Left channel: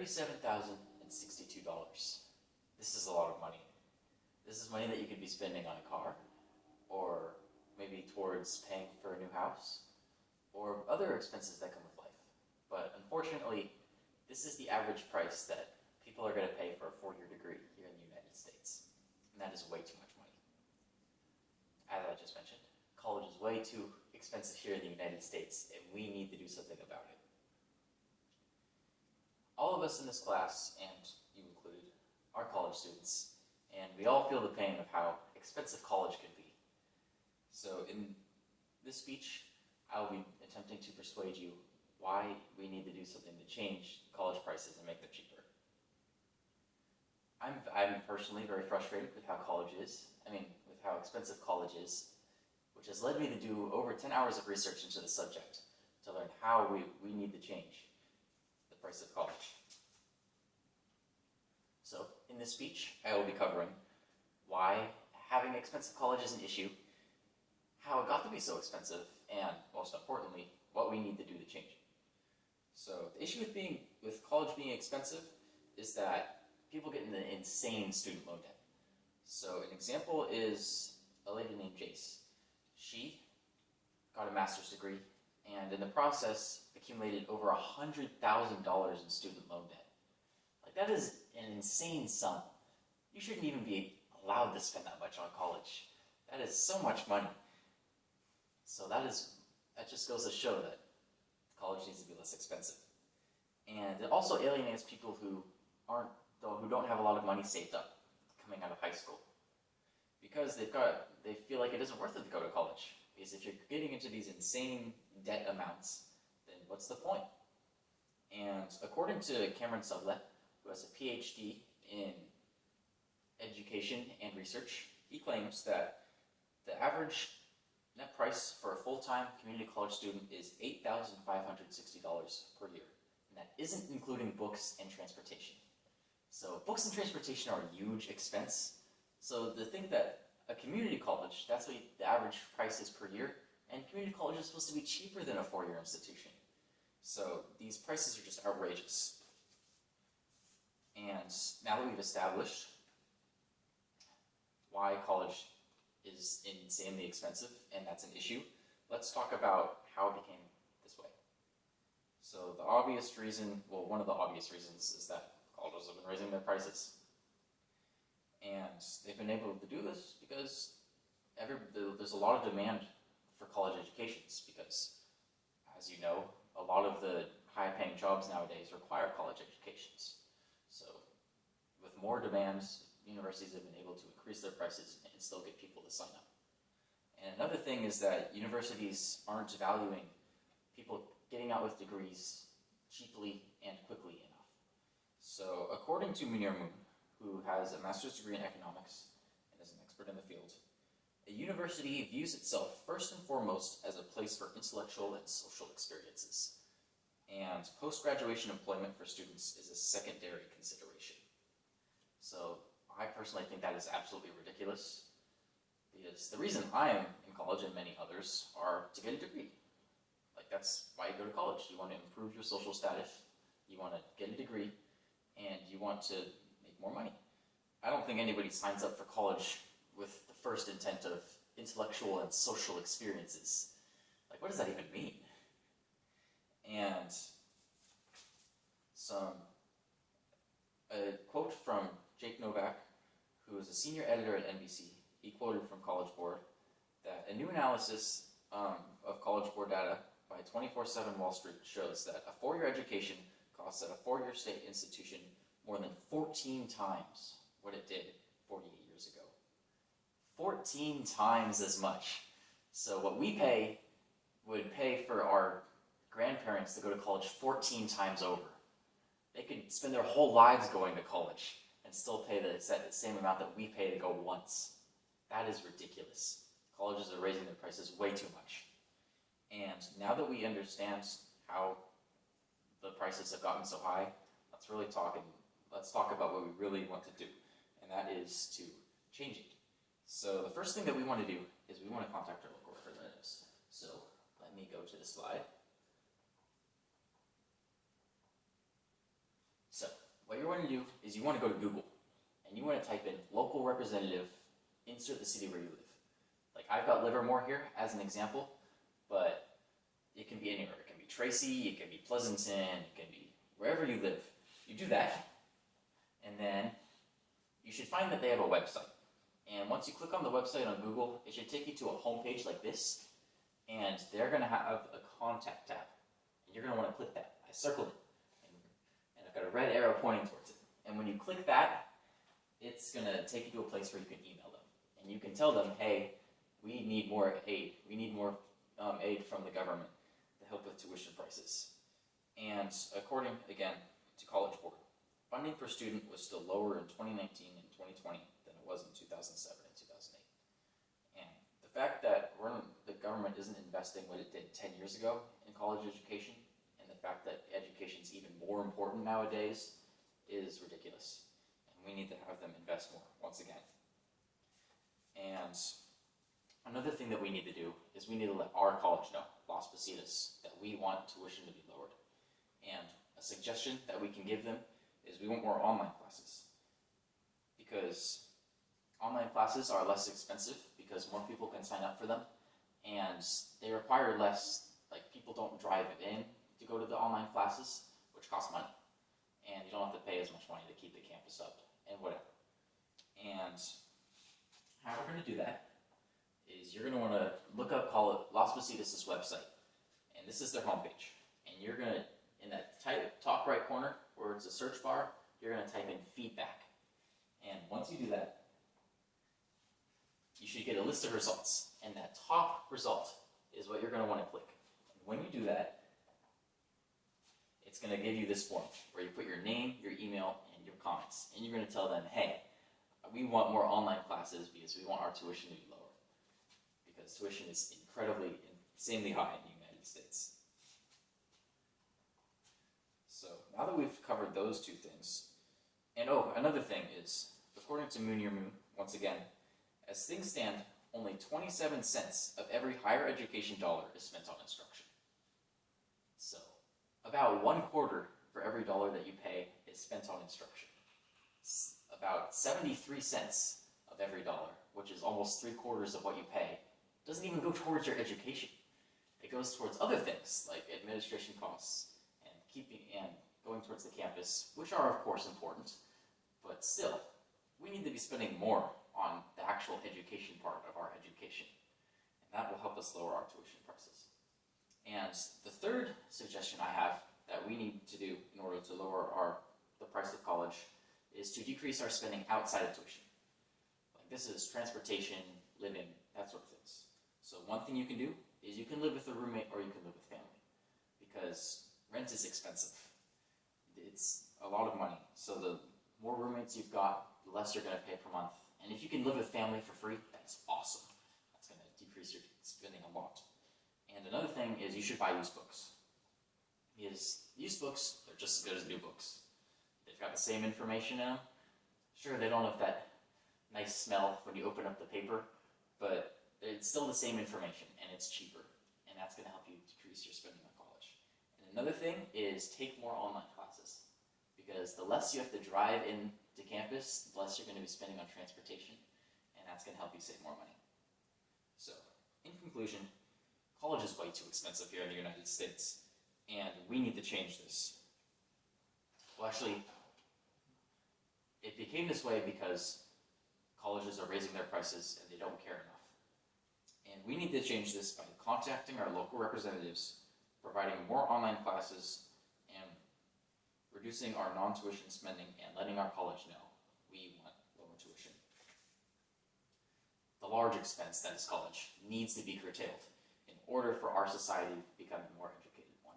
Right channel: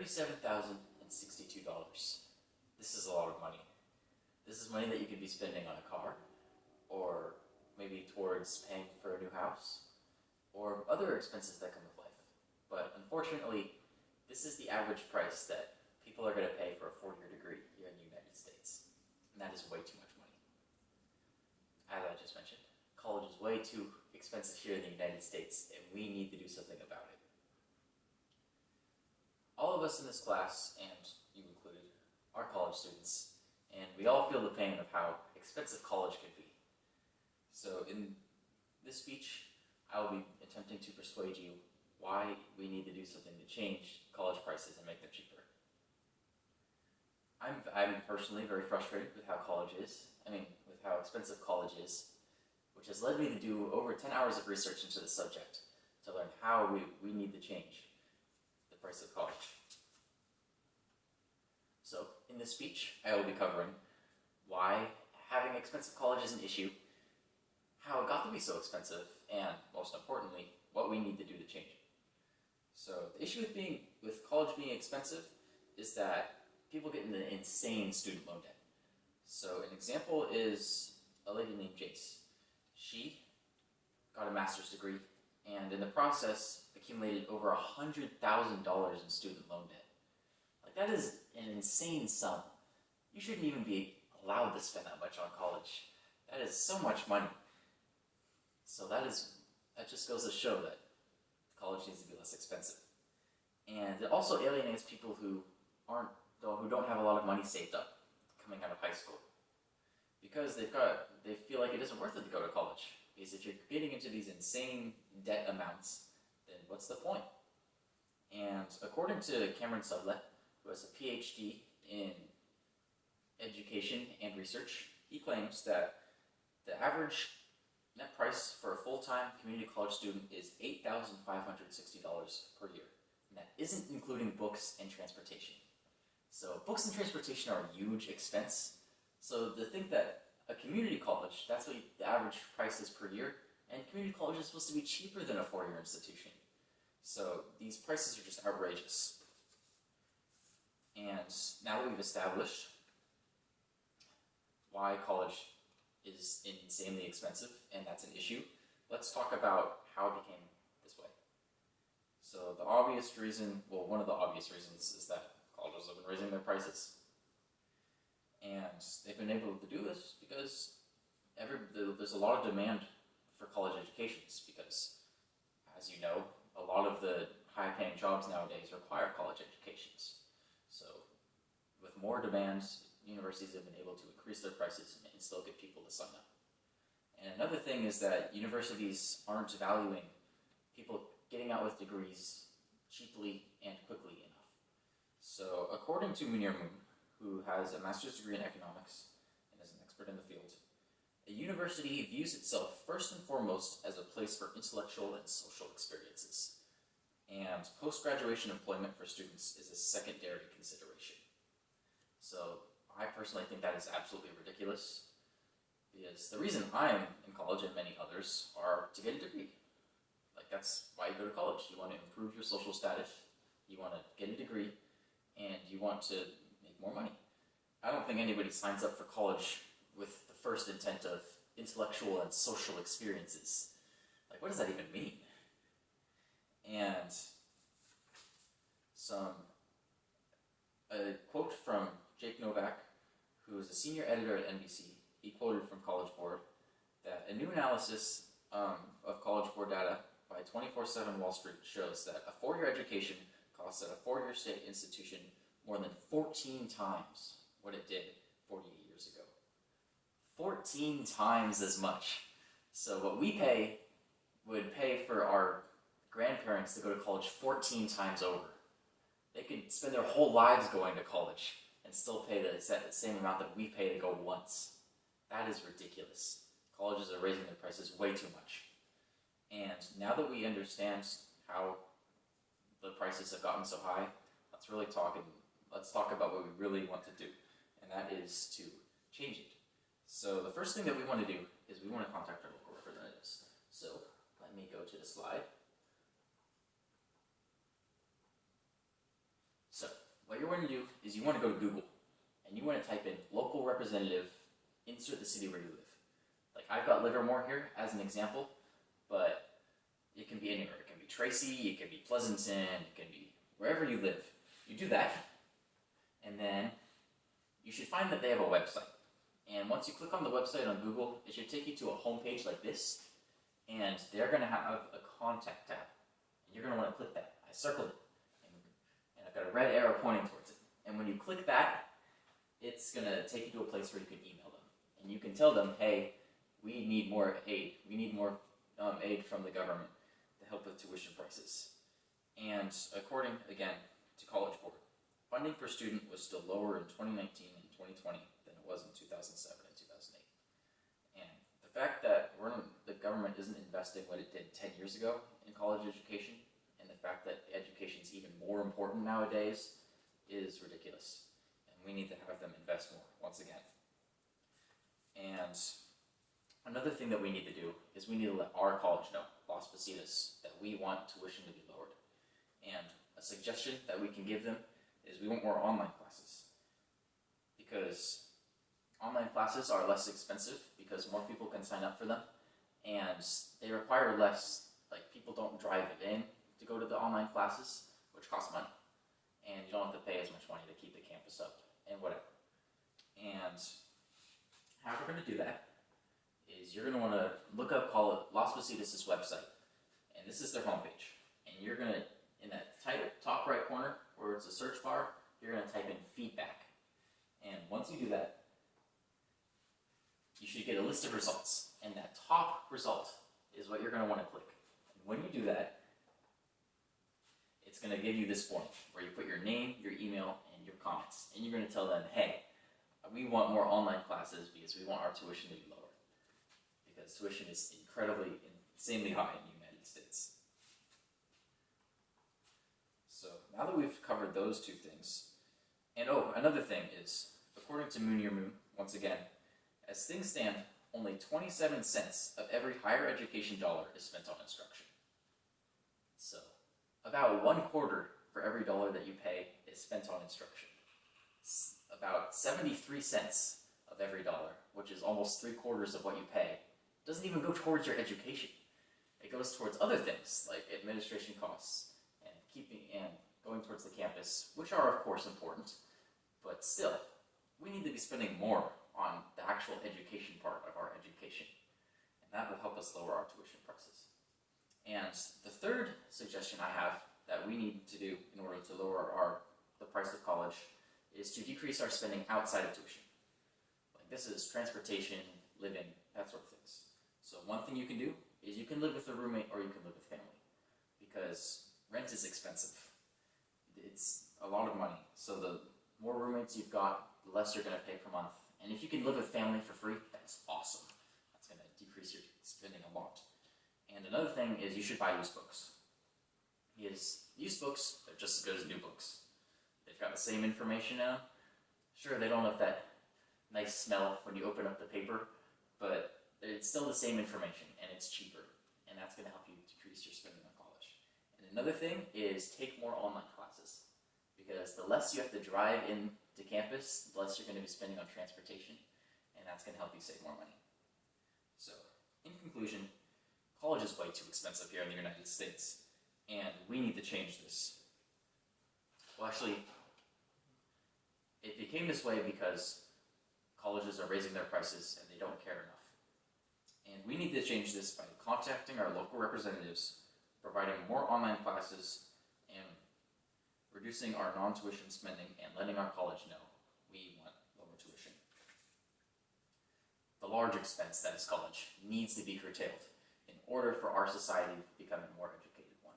$37,062. This is a lot of money. This is money that you could be spending on a car, or maybe towards paying for a new house, or other expenses that come with life. But unfortunately, this is the average price that people are going to pay for a four-year degree here in the United States. And that is way too much money. As I just mentioned, college is way too expensive here in the United States, and we need to do something about it. All of us in this class, and you included, are college students, and we all feel the pain of how expensive college can be. So in this speech, I will be attempting to persuade you why we need to do something to change college prices and make them cheaper. I'm personally very frustrated with how with how expensive college is, which has led me to do over 10 hours of research into the subject to learn how we need to change the price of college. So, in this speech, I will be covering why having expensive college is an issue, how it got to be so expensive, and most importantly, what we need to do to change it. So, the issue with college being expensive is that people get into insane student loan debt. So, an example is a lady named Jace. She got a master's degree, and in the process, accumulated over $100,000 in student loan debt. Like, that is an insane sum. You shouldn't even be allowed to spend that much on college. That is so much money. So that just goes to show that college needs to be less expensive. And it also alienates people who don't have a lot of money saved up coming out of high school, because they feel like it isn't worth it to go to college. Because if you're getting into these insane debt amounts, then what's the point? And according to Cameron Sudlett, who has a PhD in education and research, he claims that the average net price for a full-time community college student is $8,560 per year. And that isn't including books and transportation. So books and transportation are a huge expense. So to think that a community college, that's what the average price is per year, and community college is supposed to be cheaper than a four-year institution. So these prices are just outrageous. And now that we've established why college is insanely expensive, and that's an issue, let's talk about how it became this way. So the obvious reason, well, one of the obvious reasons is that colleges have been raising their prices. And they've been able to do this because there's a lot of demand for college educations, because, as you know, a lot of the high-paying jobs nowadays require college educations. So with more demands, universities have been able to increase their prices and still get people to sign up. And another thing is that universities aren't valuing people getting out with degrees cheaply and quickly enough. So according to Munir Moon, who has a master's degree in economics and is an expert in the field, a university views itself first and foremost as a place for intellectual and social experiences. And post-graduation employment for students is a secondary consideration. So I personally think that is absolutely ridiculous, because the reason I'm in college and many others are to get a degree. Like, that's why you go to college. You want to improve your social status, you want to get a degree, and you want to make more money. I don't think anybody signs up for college with the first intent of intellectual and social experiences. Like, what does that even mean? And a quote from Jake Novak, who is a senior editor at NBC, he quoted from College Board that a new analysis of College Board data by 24/7 Wall Street shows that a four-year education costs at a four-year state institution more than 14 times what it did 48 years ago. 14 times as much. So what we pay would pay for our grandparents to go to college 14 times over. They could spend their whole lives going to college and still pay the same amount that we pay to go once. That is ridiculous. Colleges are raising their prices way too much. And now that we understand how the prices have gotten so high, let's talk about what we really want to do, and that is to change it. So the first thing that we want to do is we want to contact our local representatives. So let me go to the slide. So what you want to do is you want to go to Google, and you want to type in local representative, insert the city where you live. Like I've got Livermore here as an example, but it can be anywhere. It can be Tracy, it can be Pleasanton, it can be wherever you live. You do that, and then you should find that they have a website. And once you click on the website on Google, it should take you to a home page like this, and they're going to have a contact tab. And you're going to want to click that. I circled it, and I've got a red arrow pointing towards it. And when you click that, it's going to take you to a place where you can email them. And you can tell them, hey, we need more aid. We need more aid from the government to help with tuition prices. And according, again, to College Board, funding per student was still lower in 2019 and 2020 than it was in 2007 and 2008. And the fact that the government isn't investing what it did 10 years ago in college education, and the fact that education is even more important nowadays, is ridiculous. And we need to have them invest more, once again. And another thing that we need to do is we need to let our college know, Las Positas, that we want tuition to be lowered. And a suggestion that we can give them is we want more online classes. Because online classes are less expensive because more people can sign up for them, and they require less, like people don't drive in to go to the online classes, which costs money. And you don't have to pay as much money to keep the campus up and whatever. And how we're going to do that is you're going to want to look up Las Positas' website, and this is their homepage. And you're going to, in that top right corner where it's a search bar, you're going to type in feedback. And once you do that, you should get a list of results. And that top result is what you're going to want to click. And when you do that, it's going to give you this form where you put your name, your email, and your comments. And you're going to tell them, hey, we want more online classes because we want our tuition to be lower. Because tuition is insanely high in the United States. So now that we've covered those two things, and another thing is, according to Moon Year Moon, once again, as things stand, only 27 cents of every higher education dollar is spent on instruction. So about 1/4 for every dollar that you pay is spent on instruction. About 73 cents of every dollar, which is almost 3/4 of what you pay, doesn't even go towards your education. It goes towards other things like administration costs and going towards the campus, which are of course important, but still, we need to be spending more on the actual education part of our education, and that will help us lower our tuition prices. And the third suggestion I have that we need to do in order to lower the price of college is to decrease our spending outside of tuition. Like this is transportation, living, that sort of things. So one thing you can do is you can live with a roommate or you can live with family, because rent is expensive. It's a lot of money. So the more roommates you've got, the less you're going to pay per month. And if you can live with family for free, that's awesome. That's going to decrease your spending a lot. And another thing is you should buy used books. Because used books, they're just as good as new books. They've got the same information in them. Sure, they don't have that nice smell when you open up the paper, but it's still the same information, and it's cheaper. And that's going to help you decrease your spending on college. And another thing is take more online classes. Because the less you have to drive into campus, the less you're going to be spending on transportation, and that's going to help you save more money. So, in conclusion, college is way too expensive here in the United States, and we need to change this. Well, actually, it became this way because colleges are raising their prices and they don't care enough. And we need to change this by contacting our local representatives, providing more online classes, and reducing our non-tuition spending and letting our college know we want lower tuition. The large expense that is college needs to be curtailed in order for our society to become a more educated one.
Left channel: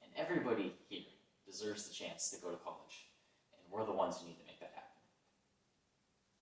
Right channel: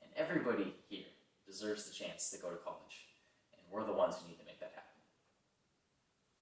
And everybody here deserves the chance to go to college, and we're the ones who need to make that happen.